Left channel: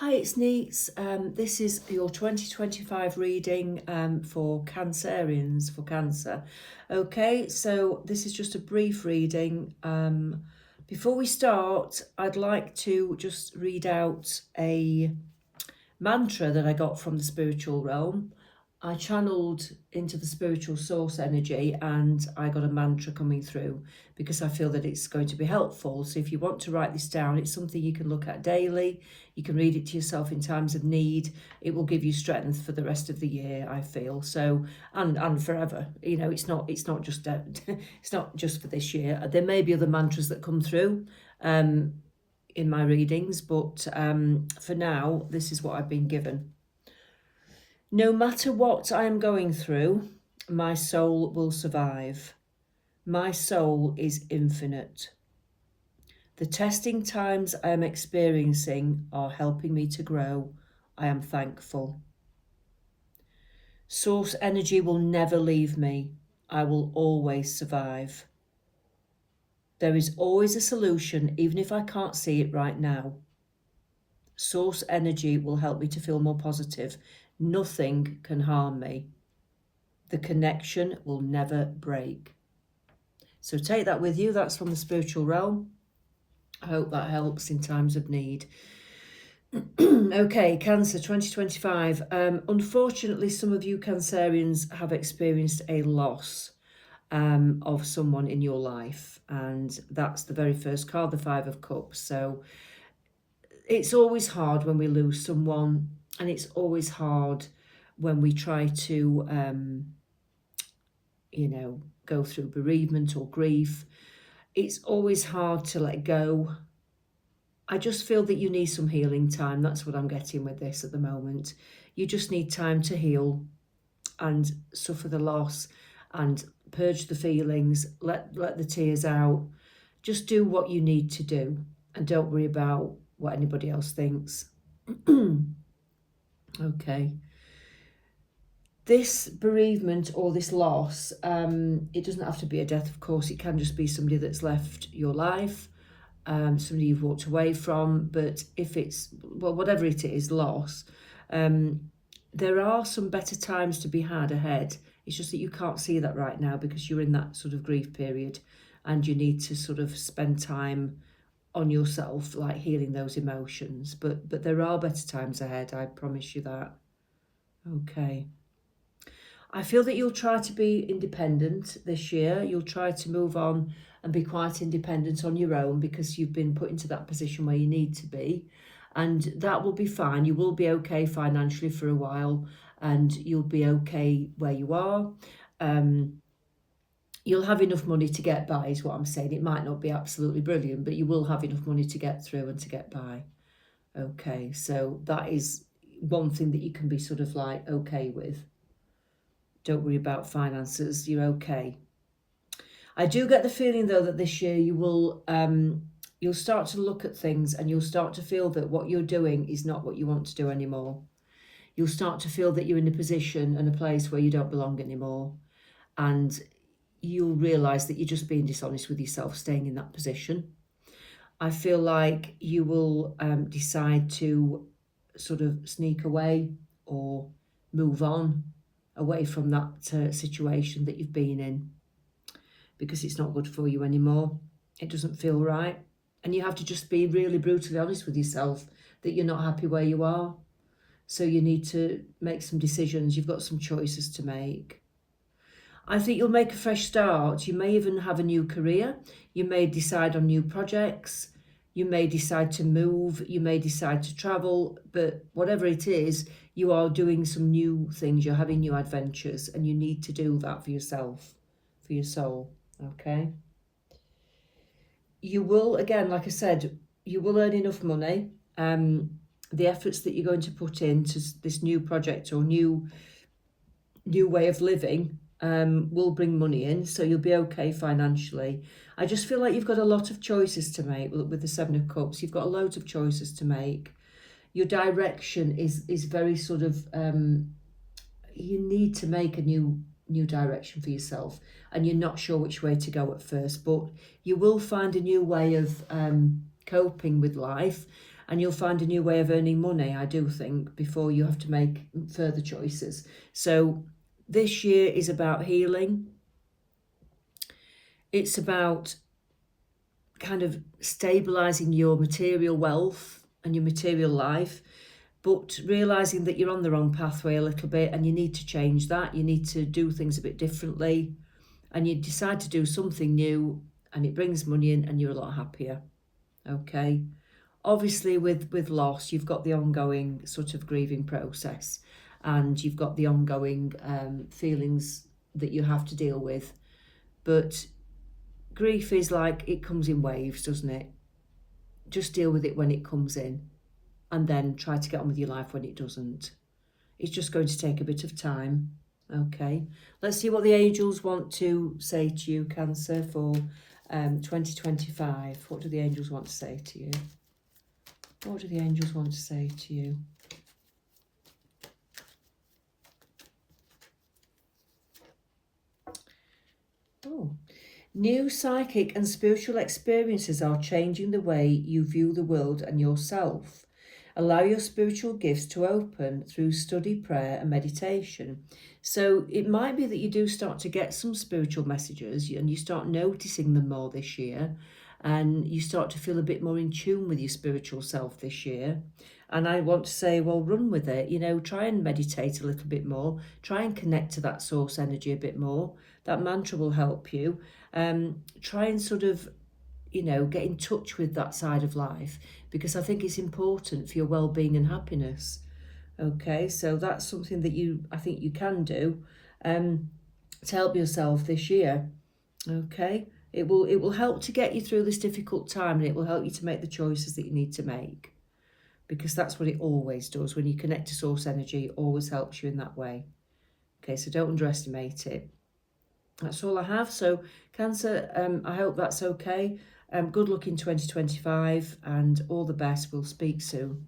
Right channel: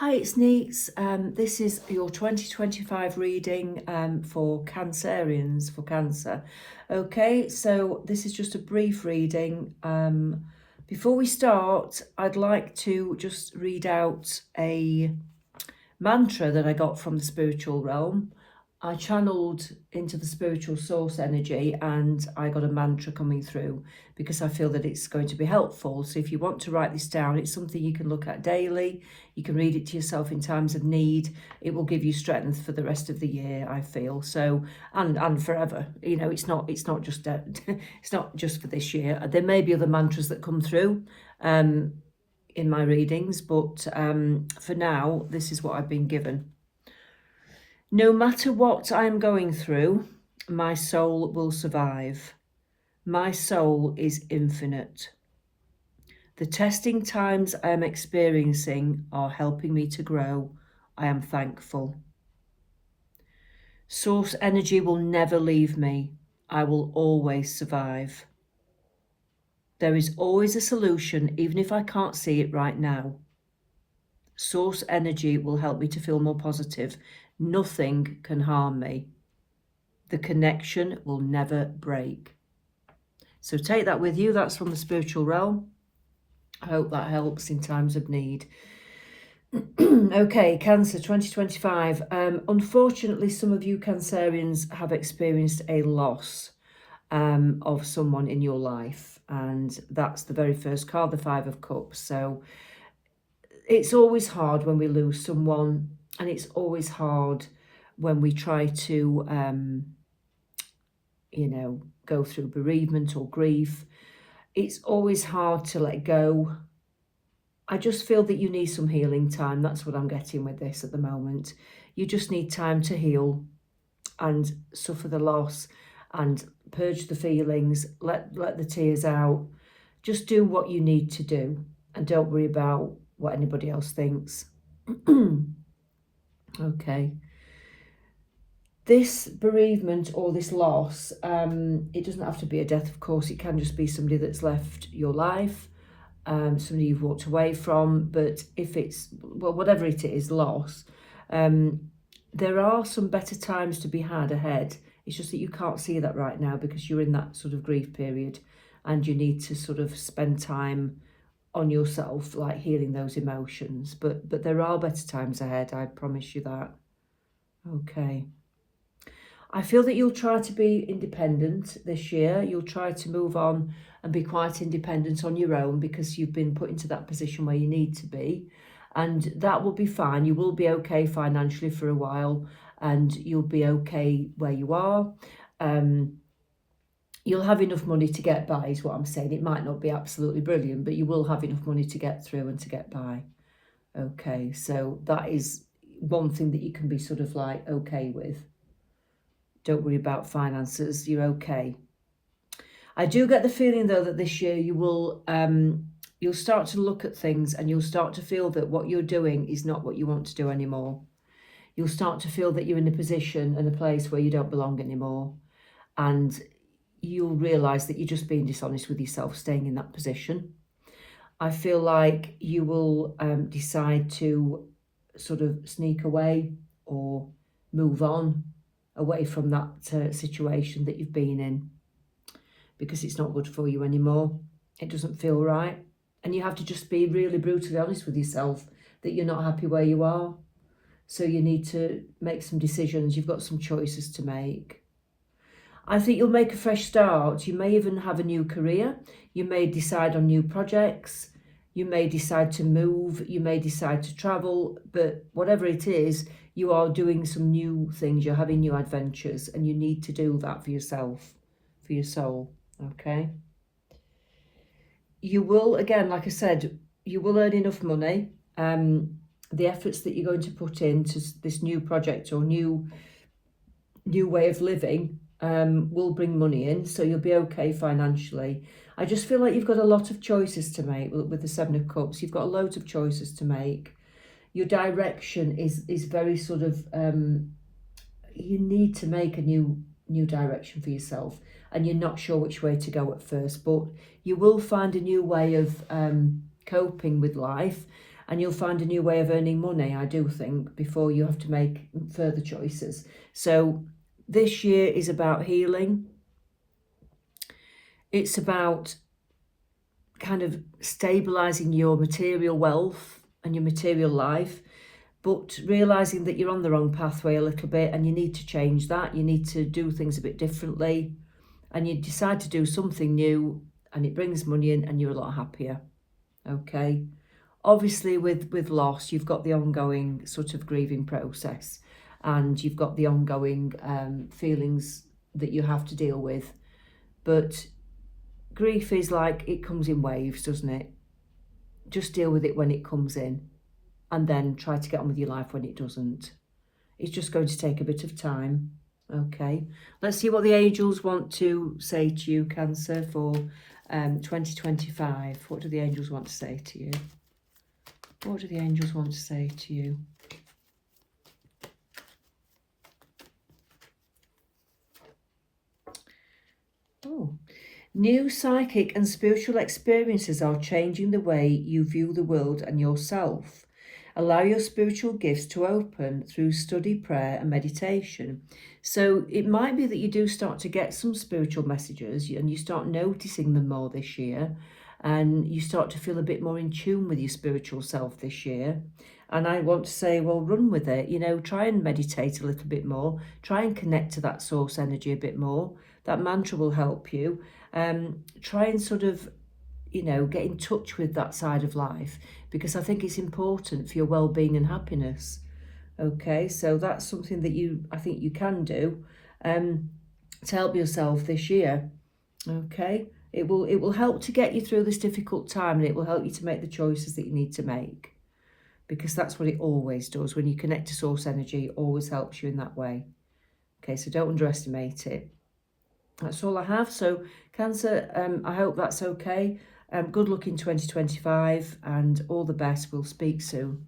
Hi, it's Neets. This is your 2025 reading for Cancerians, for Cancer. Okay, so this is just a brief reading. Before we start, I'd like to just read out a mantra that I got from the spiritual realm. I channeled into the spiritual source energy and I got a mantra coming through because I feel that it's going to be helpful. So if you want to write this down, it's something you can look at daily. You can read it to yourself in times of need. It will give you strength for the rest of the year, I feel. So and forever. You know, it's not just it's not just for this year. There may be other mantras that come through in my readings, but for now, this is what I've been given. No matter what I am going through, my soul will survive. My soul is infinite. The testing times I am experiencing are helping me to grow. I am thankful. Source energy will never leave me. I will always survive. There is always a solution, even if I can't see it right now. Source energy will help me to feel more positive. Nothing can harm me. The connection will never break. So take that with you. That's from the spiritual realm. I hope that helps in times of need. Okay, Cancer 2025. Unfortunately, some of you Cancerians have experienced a loss of someone in your life. And that's the very first card, the Five of Cups. So it's always hard when we lose someone, and it's always hard when we try to, go through bereavement or grief. It's always hard to let go. I just feel that you need some healing time. That's what I'm getting with this at the moment. You just need time to heal and suffer the loss and purge the feelings, let the tears out. Just do what you need to do and don't worry about what anybody else thinks. Okay. This bereavement or this loss, it doesn't have to be a death, of course. It can just be somebody that's left your life, somebody you've walked away from. But if it's, well, whatever it is, loss, there are some better times to be had ahead. It's just that you can't see that right now because you're in that sort of grief period and you need to sort of spend time on yourself, like healing those emotions. But there are better times ahead, I promise you that. Okay. I feel that you'll try to be independent this year. You'll try to move on and be quite independent on your own because you've been put into that position where you need to be. And that will be fine. You will be okay financially for a while and you'll be okay where you are. You'll have enough money to get by is what I'm saying. It might not be absolutely brilliant, but you will have enough money to get through and to get by. Okay, so that is one thing that you can be sort of like okay with. Don't worry about finances, you're okay. I do get the feeling though that this year you will you'll start to look at things and you'll start to feel that what you're doing is not what you want to do anymore. You'll start to feel that you're in a position and a place where you don't belong anymore. And you'll realise that you're just being dishonest with yourself staying in that position. I feel like you will decide to sort of sneak away or move on away from that situation that you've been in because it's not good for you anymore. It doesn't feel right. And you have to just be really brutally honest with yourself that you're not happy where you are. So you need to make some decisions. You've got some choices to make. I think you'll make a fresh start. You may even have a new career. You may decide on new projects. You may decide to move. You may decide to travel. But whatever it is, you are doing some new things. You're having new adventures. And you need to do that for yourself, for your soul. Okay? You will, again, like I said, you will earn enough money. The efforts that you're going to put into this new project or new way of living will bring money in, so you'll be okay financially. I just feel like you've got a lot of choices to make with the Seven of Cups. You've got loads of choices to make. Your direction is very sort of, you need to make a new direction for yourself, and you're not sure which way to go at first, but you will find a new way of coping with life, and you'll find a new way of earning money, I do think, before you have to make further choices. So this year is about healing. It's about kind of stabilizing your material wealth and your material life, but realizing that you're on the wrong pathway a little bit and you need to change that. You need to do things a bit differently, and you decide to do something new and it brings money in and you're a lot happier. Okay. Obviously with loss, you've got the ongoing sort of grieving process, and you've got the ongoing feelings that you have to deal with. But grief is like, it comes in waves, doesn't it? Just deal with it when it comes in, and then try to get on with your life when it doesn't. It's just going to take a bit of time. Okay, let's see what the angels want to say to you, Cancer, for 2025. What do the angels want to say to you? What do the angels want to say to you? Oh, new psychic and spiritual experiences are changing the way you view the world and yourself. Allow your spiritual gifts to open through study, prayer and meditation. So it might be that you do start to get some spiritual messages and you start noticing them more this year, and you start to feel a bit more in tune with your spiritual self this year. And I want to say, well, run with it. You know, try and meditate a little bit more. Try and connect to that source energy a bit more. That mantra will help you. Try and sort of, you know, get in touch with that side of life, because I think it's important for your well-being and happiness. Okay, so that's something that I think you can do to help yourself this year. Okay, it will help to get you through this difficult time, and it will help you to make the choices that you need to make, because that's what it always does. When you connect to source energy, it always helps you in that way. Okay, so don't underestimate it. That's all I have. So Cancer, I hope that's okay. Good luck in 2025 and all the best. We'll speak soon.